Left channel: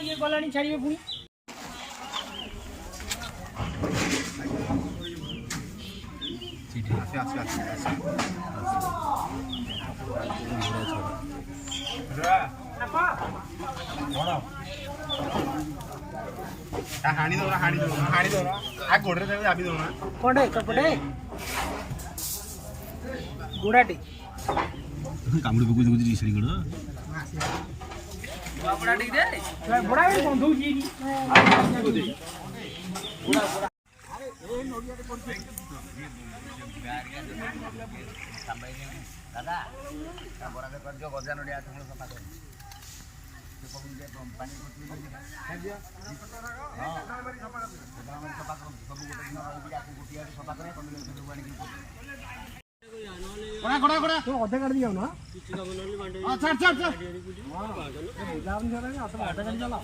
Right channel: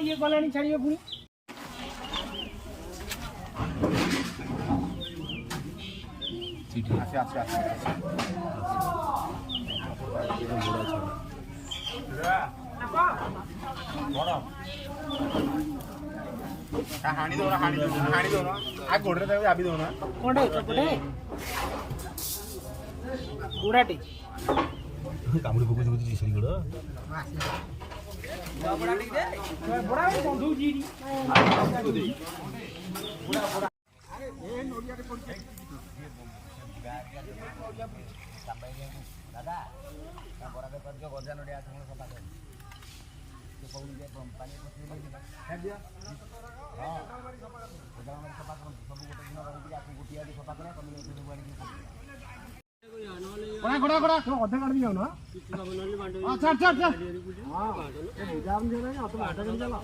ये गलानी छाड़िए पुणी हाणी दो आ गोड़े दाबी दो ना कोडे चपटे गुडाटी कामुडी बगु बगु दिसरी गोड़ गुडाटी दे बड़ा कोन दूजी अरे ए नोडिया रे कोन दादा बरा दे कर जो गजा नोडिया ठुण सफा कर कोन जे पानी खा दिया हां सफा कर सब गोटे दिन गुटिया सफा कर सब आनी कोड़ा कोड़ा तू अधे कर दिया ना अच्छा अच्छा अच्छा हां ये बुझा बन जाना ना तो अधे कर चला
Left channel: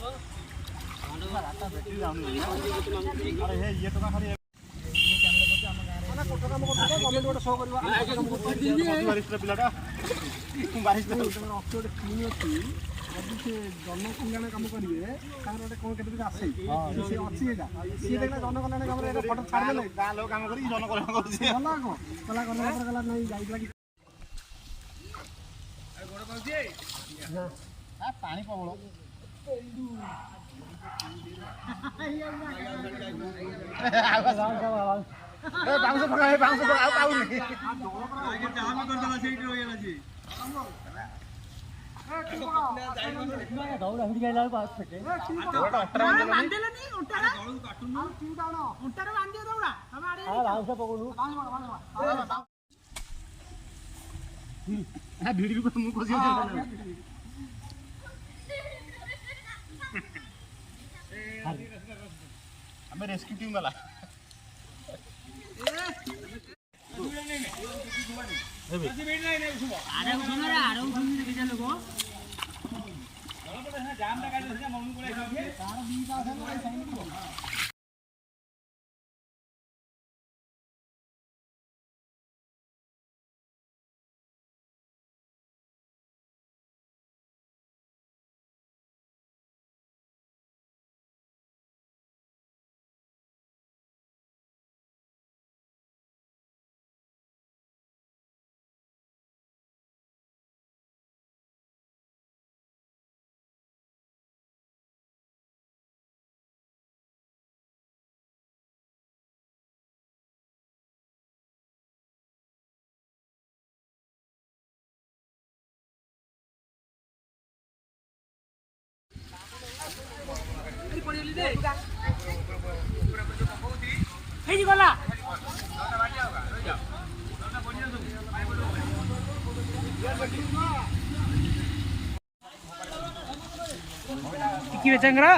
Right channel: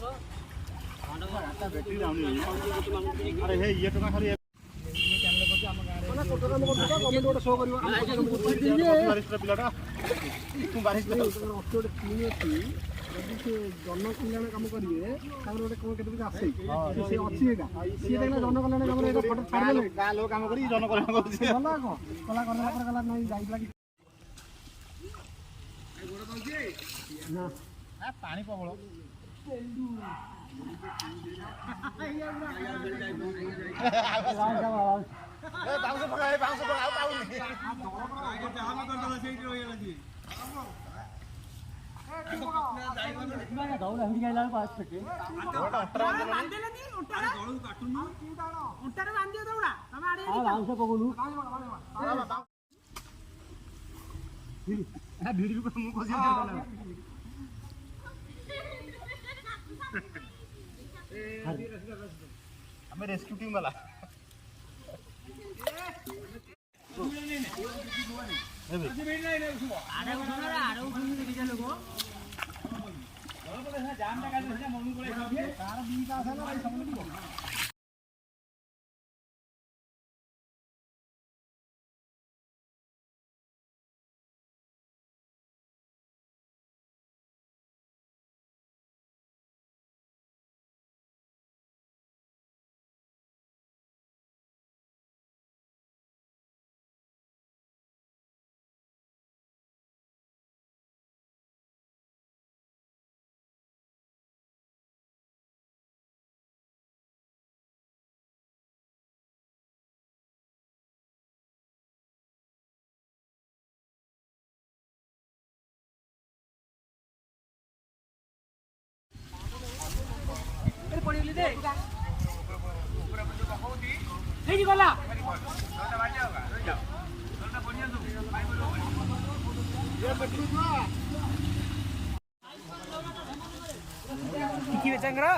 अरे हे ये तो ना खाली ना कोटो काम करता कमेंट गोटे शो करवा पिलाटा बारिश में ऑक्टोबर टीम अछि से जन कल्याण काम करिए तापर गोटे कोन केते आसे से अछि एगा से देखले जन कल्याण काम रे फोटो छाड़ देले गां लोग काम करी जन कल्याण करछि भला को कला करला पर कला नहीं जाई लागी अरे गोड़ कहछि ना आ पानी पबळ बाउंस पका आ पाउनी आगे जहां में कर देला सेठी होय गेला जी दौड़ा हिड़ी गला पास पे बांधेला नहीं उंटा दौड़ काटुनु तू दाणो उंटा रे बांधियो दौड़ा हम आड़े बाउंस पकड़ू आ भिड़ी को मु कोसी हमें रेस्क्यू टीम वाला गला चंगड़ा